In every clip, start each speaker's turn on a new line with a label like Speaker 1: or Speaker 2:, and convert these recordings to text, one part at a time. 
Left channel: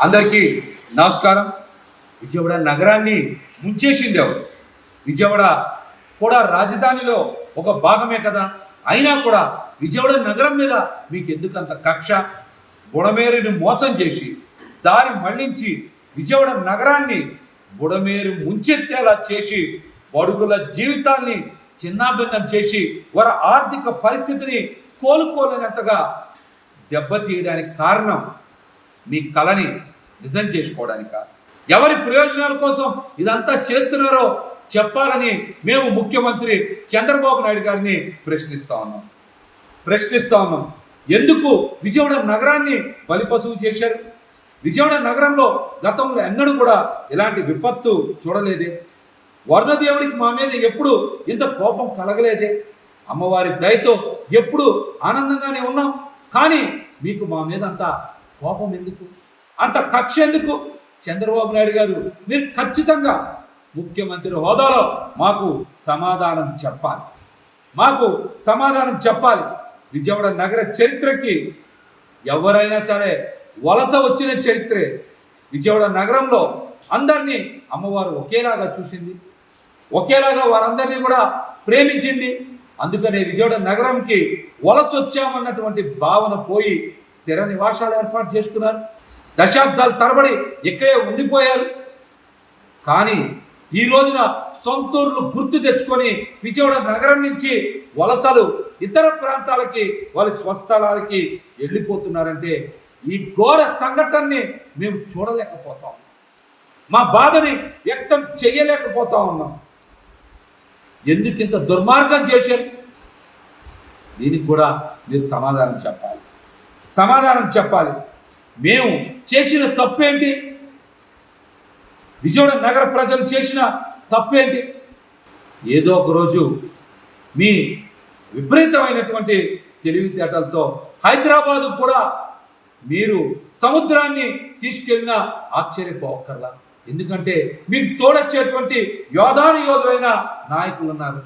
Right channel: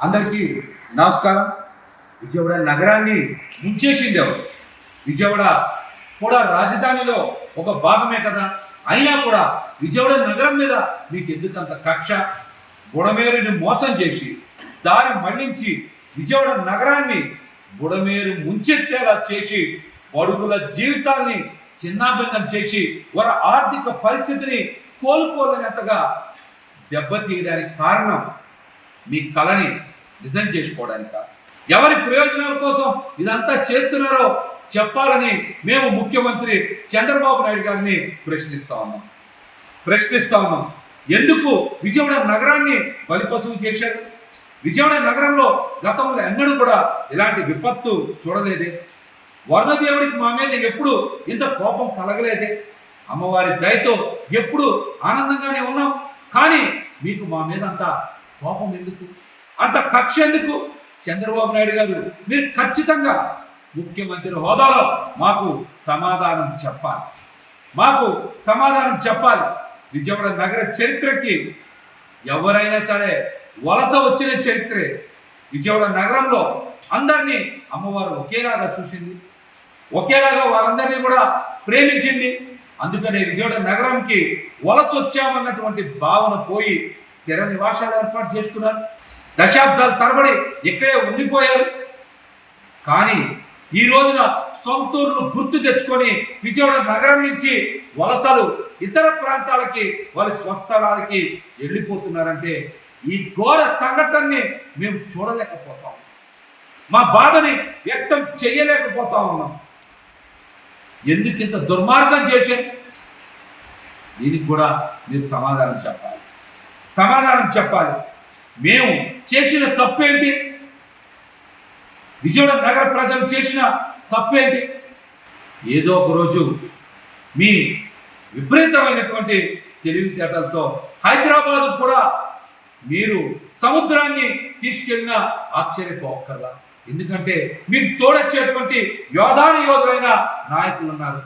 Speaker 1: అందరికీ నమస్కారం. విజయవాడ నగరాన్ని ముంచేసింది ఎవరు? విజయవాడ కూడా రాజధానిలో ఒక భాగమే కదా. అయినా కూడా విజయవాడ నగరం మీద మీకు ఎందుకంత కక్ష? బుడమేరుని మోసం చేసి దారి మళ్ళించి విజయవాడ నగరాన్ని బుడమేరు ముంచెత్తేలా చేసి బడుగుల జీవితాల్ని చిన్నాభిన్నం చేసి వారి ఆర్థిక పరిస్థితిని కోలుకోలేనంతగా దెబ్బతీయడానికి కారణం మీ కళని నిజం చేసుకోవడానిక ఎవరి ప్రయోజనాల కోసం ఇదంతా చేస్తున్నారో చెప్పాలని మేము ముఖ్యమంత్రి చంద్రబాబు నాయుడు గారిని ప్రశ్నిస్తా ఉన్నాం. ప్రశ్నిస్తా ఉన్నాం. ఎందుకు విజయవాడ నగరాన్ని బలిపశువు చేశారు? విజయవాడ నగరంలో గతంలో ఎన్నడూ కూడా ఇలాంటి విపత్తు చూడలేదే. వర్ణదేవుడికి మా మీద ఎప్పుడు ఇంత కోపం కలగలేదే. అమ్మవారి దయతో ఎప్పుడు ఆనందంగానే ఉన్నాం. కానీ మీకు మా మీద అంత కోపం ఎందుకు? అంత కక్ష ఎందుకు? చంద్రబాబు నాయుడు గారు మీరు ఖచ్చితంగా ముఖ్యమంత్రి హోదాలో మాకు సమాధానం చెప్పాలి. మాకు సమాధానం చెప్పాలి. విజయవాడ నగర చరిత్రకి ఎవరైనా సరే వలస వచ్చిన చరిత్రే. విజయవాడ నగరంలో అందరినీ అమ్మవారు ఒకేలాగా చూసింది. ఒకేలాగా వారందరినీ కూడా ప్రేమించింది. అందుకనే విజయవాడ నగరంకి వలస వచ్చామన్నటువంటి భావన పోయి స్థిర నివాసాలు ఏర్పాటు చేసుకున్నారు. దశాబ్దాల తరబడి ఇక్కడే ఉండిపోయారు. కానీ ఈ రోజున సొంతూరును గుర్తు తెచ్చుకొని విజయవాడ నగరం నుంచి వలసలు ఇతర ప్రాంతాలకి వాళ్ళ స్వస్థలాలకి వెళ్ళిపోతున్నారంటే ఈ ఘోర సంఘటనని మేము చూడలేకపోతాం. మా బాధని వ్యక్తం చేయలేకపోతా ఉన్నాం. ఎందుకు ఇంత దుర్మార్గం చేశారు? దీనికి కూడా మీరు సమాధానం చెప్పాలి. సమాధానం చెప్పాలి. మేము చేసిన తప్పేంటి? విజయవాడ నగర ప్రజలు చేసిన తప్పేంటి? ఏదో ఒక రోజు మీ విపరీతమైనటువంటి తెలివితేటలతో హైదరాబాదు కూడా మీరు సముద్రాన్ని తీసుకెళ్ళిన ఆశ్చర్యపోకర్లా ఎందుకంటే మీరు తోడొచ్చేటువంటి యోధాను యోధులైన నాయకులు ఉన్నారు.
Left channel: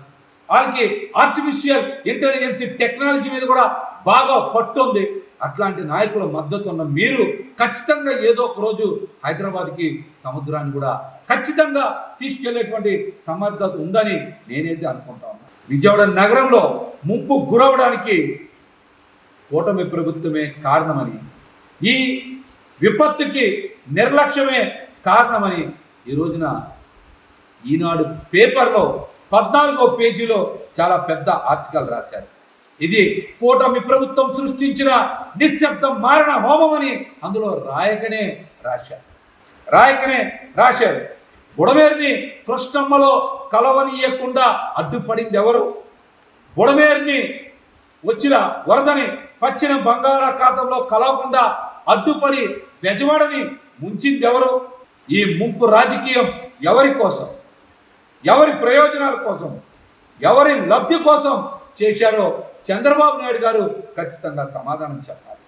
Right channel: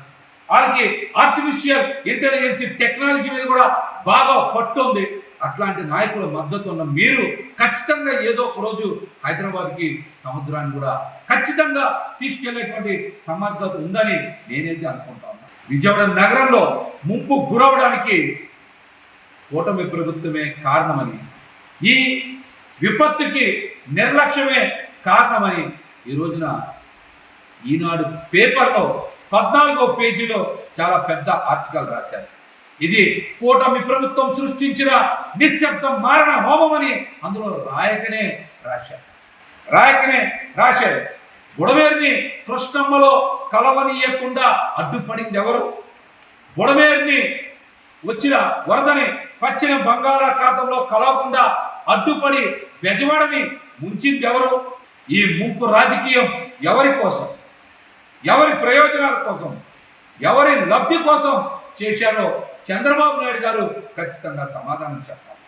Speaker 1: వాళ్ళకి ఆర్టిఫిషియల్ ఇంటెలిజెన్స్ టెక్నాలజీ మీద కూడా బాగా పట్టుంది అట్లాంటి నాయకుల మద్దతు ఉన్న మీరు ఖచ్చితంగా ఏదో ఒక రోజు హైదరాబాద్కి సముద్రాన్ని కూడా ఖచ్చితంగా తీసుకెళ్ళేటువంటి సమర్థత ఉందని నేనైతే అనుకుంటా ఉన్నా. విజయవాడ నగరంలో ముంపు గురవడానికి కూటమి ప్రభుత్వమే కారణమని ఈ విపత్తుకి నిర్లక్ష్యమే కారణమని ఈ రోజున ఈనాడు పేపర్లో పద్నాలుగో పేజీలో చాలా పెద్ద ఆర్టికల్ రాశారు. ఇది కూటమి ప్రభుత్వం సృష్టించిన నిశ్శబ్దం మారణ హోమం అని అందులో రాయకనే రాశారు. రాయకనే రాశారు. బుడమేరుని కృష్ణమ్మలో కలవనీయకుండా అడ్డుపడింది ఎవరు బుడమేరుని వచ్చిన వరదని పచ్చిన బంగాళాఖాతంలో కలవకుండా అడ్డుపడి బెజవాడని ముంచింది ఎవరు ఈ ముంపు రాజకీయం ఎవరి కోసం? ఎవరి ప్రయోజనాల కోసం? ఎవరి లబ్ధి కోసం చేశారో చంద్రబాబు నాయుడు గారు ఖచ్చితంగా సమాధానం చెప్పాలి.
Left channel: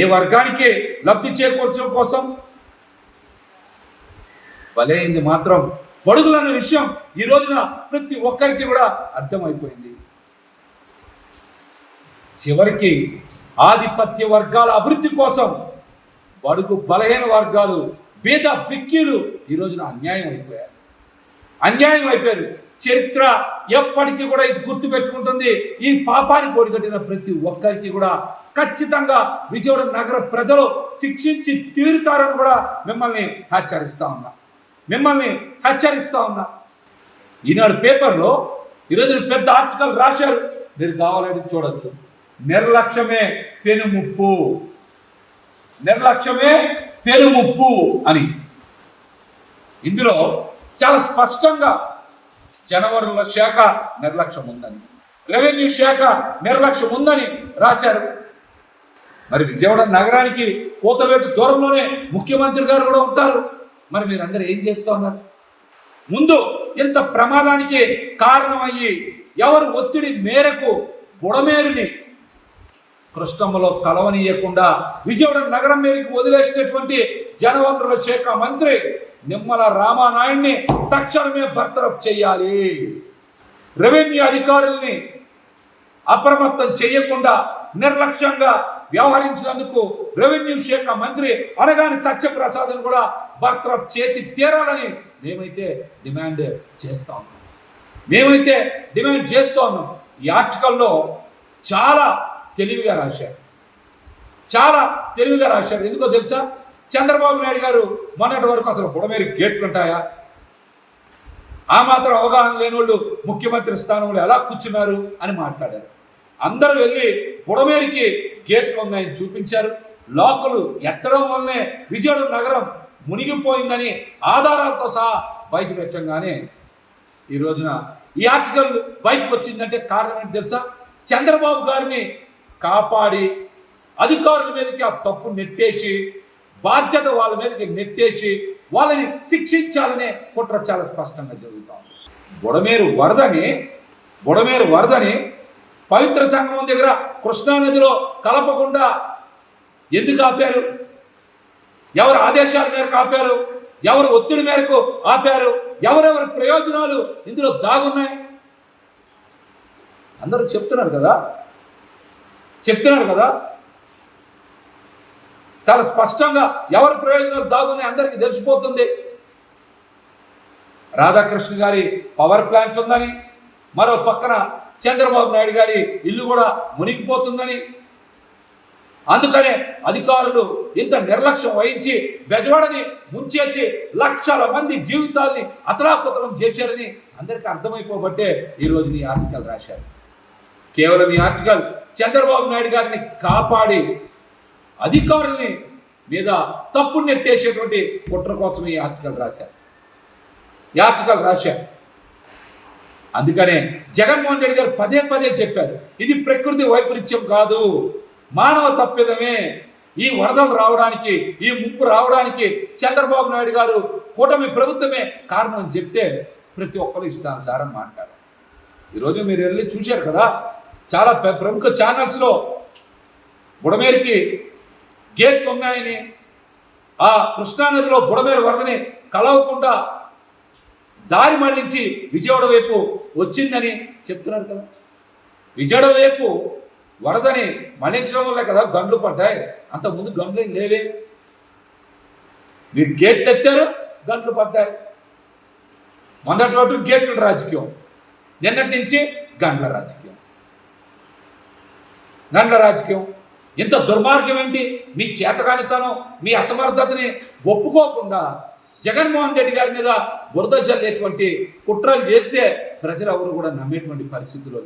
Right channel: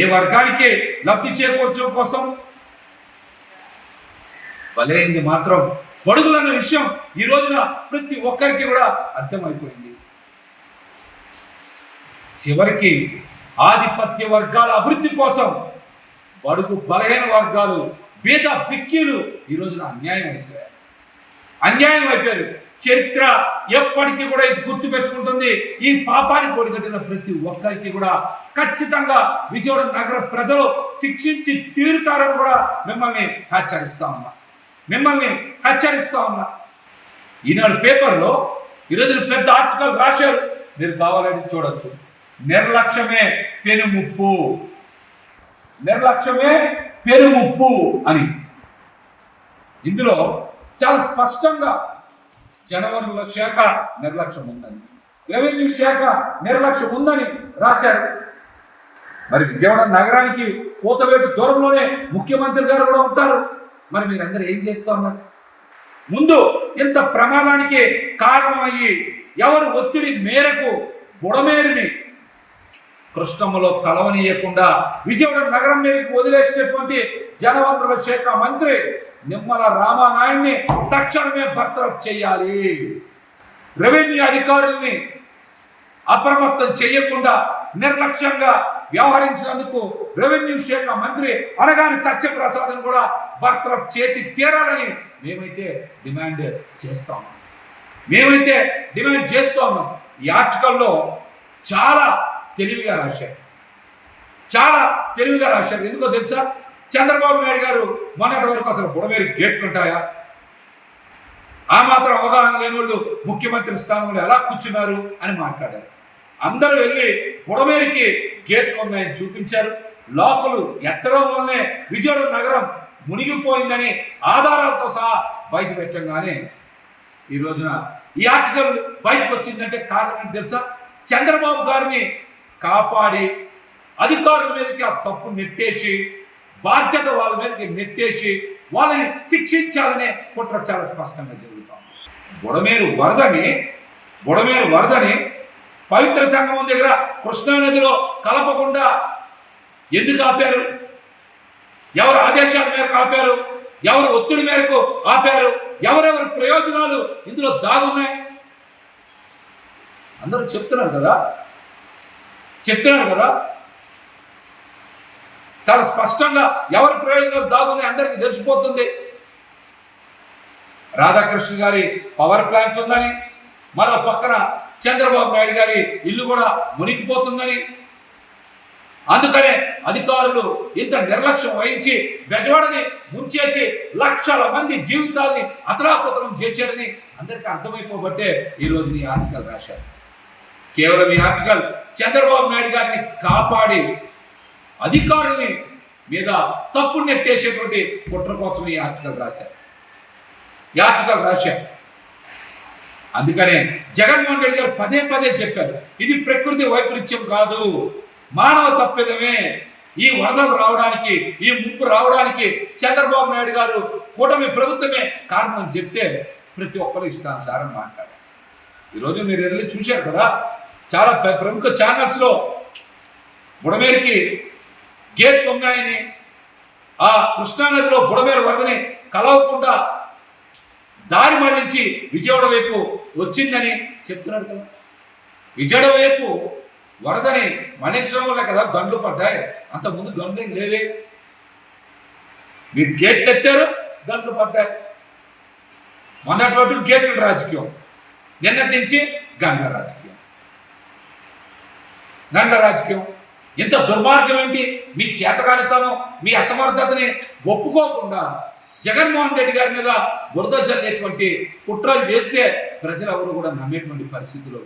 Speaker 1: ఏ వర్గానికి లబ్ధి చేకూర్చడం కోసం బలైంది మాత్రం. పడుగులన్న విషయం ఈ రోజున ప్రతి ఒక్కరికి కూడా అర్థమైపోయింది. చివరికి ఆధిపత్య వర్గాల అభివృద్ధి కోసం బడుగు బలహీన వర్గాలు బీద బిక్కీలు ఈ రోజున అన్యాయం అయిపోయారు అన్యాయం అయిపోయారు. చరిత్ర ఎప్పటికీ కూడా ఇది గుర్తు పెట్టుకుంటుంది. ఈ పాపానికి ఒడిగట్టిన ప్రతి ఒక్కరికి కూడా ఖచ్చితంగా విజయవాడ నగర ప్రజలు శిక్షించి తీరుతారని కూడా మిమ్మల్ని హెచ్చరిస్తా ఉన్నా. మిమ్మల్ని హెచ్చరిస్తా ఉన్నా. ఈనాడు పేపర్లో ఈరోజు పెద్ద ఆర్టికల్ రాశారు. మీరు కావాలని చూడొచ్చు. నిర్లక్ష్యమే పెనుముప్పు. నిర్లక్ష్యమే పెనుముప్పు అని. ఇందులో చాలా స్పష్టంగా జనవరుల శాఖ నిర్లక్ష్యం ఉందని. రెవెన్యూ శాఖ నిర్లక్ష్యం ఉందని రాశారు. మరి విజయవాడ నగరానికి కోతవేటు దూరంలోనే ముఖ్యమంత్రి గారు కూడా ఉంటారు. మరి మీరందరూ ఏం చేస్తూ ఉన్నారు? ముందు ఇంత ప్రమాదానికి కారణమయ్యి ఎవరు ఒత్తిడి మేరకు బుడమేరుని కృష్ణమ్మలో కలవనీయకుండా విజయవాడ నగరం మీదకి వదిలేసినటువంటి జనవనరుల శాఖ మంత్రి నిమ్మల రామానాయుడిని తక్షణమే బర్తరఫ్ చేయాలి. రెవెన్యూ అధికారుల్ని అప్రమత్తం చేయకుండా నిర్లక్ష్యంగా వ్యవహరించినందుకు రెవెన్యూ శాఖ మంత్రి అనగాని సత్యప్రసాద్ని కూడా బర్తరఫ్ చేసి తీరాలని మేమైతే డిమాండ్ చేస్తా ఉన్నాం. మేమైతే డిమాండ్ చేస్తూ ఉన్నాం. ఈ ఆర్టికల్లో చాలా తెలివిగా రాశారు. చాలా తెలివిగా రాశారు. ఎందుకో తెలుసా? చంద్రబాబు నాయుడు గారు మొన్నటి వరకు అసలు బుడమేరు గేట్లు ఉంటాయా? ఆ మాత్రం అవగాహన లేని వాళ్ళు ముఖ్యమంత్రి స్థానంలో ఎలా కూర్చున్నారు అని మాట్లాడారు. అందరూ వెళ్ళి బుడమేరికి గేట్లు ఉన్నాయని చూపించారు. లోకలు ఎత్తడం వల్లనే విజయవాడ నగరం మునిగిపోయిందని ఆధారాలతో సహా బయట పెట్టంగానే ఈ రోజున ఈ ఆర్టికల్ బయటకు వచ్చిందంటే కారణం ఏంటి తెలుసా? చంద్రబాబు గారిని కాపాడి అధికారుల మీదకి ఆ తప్పు నెట్టేసి బాధ్యత వాళ్ళ మీదకి నెట్టేసి వాళ్ళని శిక్షించాలనే కుట్ర చాలా స్పష్టంగా జరుగుతాం బుడమేరు వరదని బుడమేరు వరదని పవిత్ర సంగమం దగ్గర కృష్ణానదిలో కలపకుండా ఎందుకు ఆపారు? ఎవరు ఆదేశాల మేరకు ఆపారు? ఎవరు ఒత్తిడి మేరకు ఆపారు? ఎవరెవరి ప్రయోజనాలు ఇందులో దాగున్నాయి? అందరూ చెప్తున్నారు కదా? చెప్తున్నారు కదా? చాలా స్పష్టంగా ఎవరి ప్రయోజనాలు దాగున్నాయి అందరికీ తెలిసిపోతుంది. రాధాకృష్ణ గారి పవర్ ప్లాంట్ ఉందని మరో పక్కన చంద్రబాబు నాయుడు గారి ఇల్లు కూడా మునిగిపోతుందని. అందుకనే అధికారులు ఇంత నిర్లక్ష్యం వహించి బెజవాడని ముంచేసి లక్షల మంది జీవితాల్ని అతలాకుతలం చేశారని అందరికీ అర్థమైపోబట్టే ఈ రోజు ఈ ఆర్టికల్ రాశారు. కేవలం ఈ ఆర్టికల్ చంద్రబాబు నాయుడు గారిని కాపాడి అధికారుల్ని మీద తప్పు నెట్టేసేటువంటి కుట్ర కోసం ఈ ఆర్టికల్ రాశారు. ఈ ఆర్టికల్ రాశారు. అందుకనే జగన్మోహన్ రెడ్డి గారు పదే పదే చెప్పారు ఇది ప్రకృతి వైపరీత్యం కాదు మానవ తప్పిదమే. ఈ వరదలు రావడానికి ఈ ముప్పు రావడానికి చంద్రబాబు నాయుడు గారు కూటమి ప్రభుత్వమే కారణం అని చెప్తే ప్రతి ఒక్కరు ఇష్టానుసారం మాట్లాడారు. ఈరోజు మీరు వెళ్ళి చూశారు కదా చాలా ప్రముఖ ఛానల్స్లో బుడమేరికి గేట్ ఉన్నాయని ఆ కృష్ణానదిలో బుడమేర వరదని కలవకుండా దారి మళ్ళించి విజయవాడ వైపు వచ్చిందని చెప్తున్నారు కదా. విజయవాడ వైపు వరదని మళ్ళించడం వల్ల కదా గండ్లు పడ్డాయి. అంతకుముందు గండ్లు లేవే. మీరు గేట్లు ఎత్తారు గంటలు పడ్డాయి. మొన్నటి వరకు గేట్ల రాజకీయం. నిన్నటి నుంచి గండ్ల రాజకీయం. గండ్ల రాజకీయం. ఇంత దుర్మార్గం ఏంటి? మీ చేతగానితనం మీ అసమర్థతని ఒప్పుకోకుండా జగన్మోహన్ రెడ్డి గారి మీద బురద చల్లేటువంటి కుట్రలు చేస్తే ప్రజలు ఎవరు కూడా నమ్మేటువంటి పరిస్థితిలో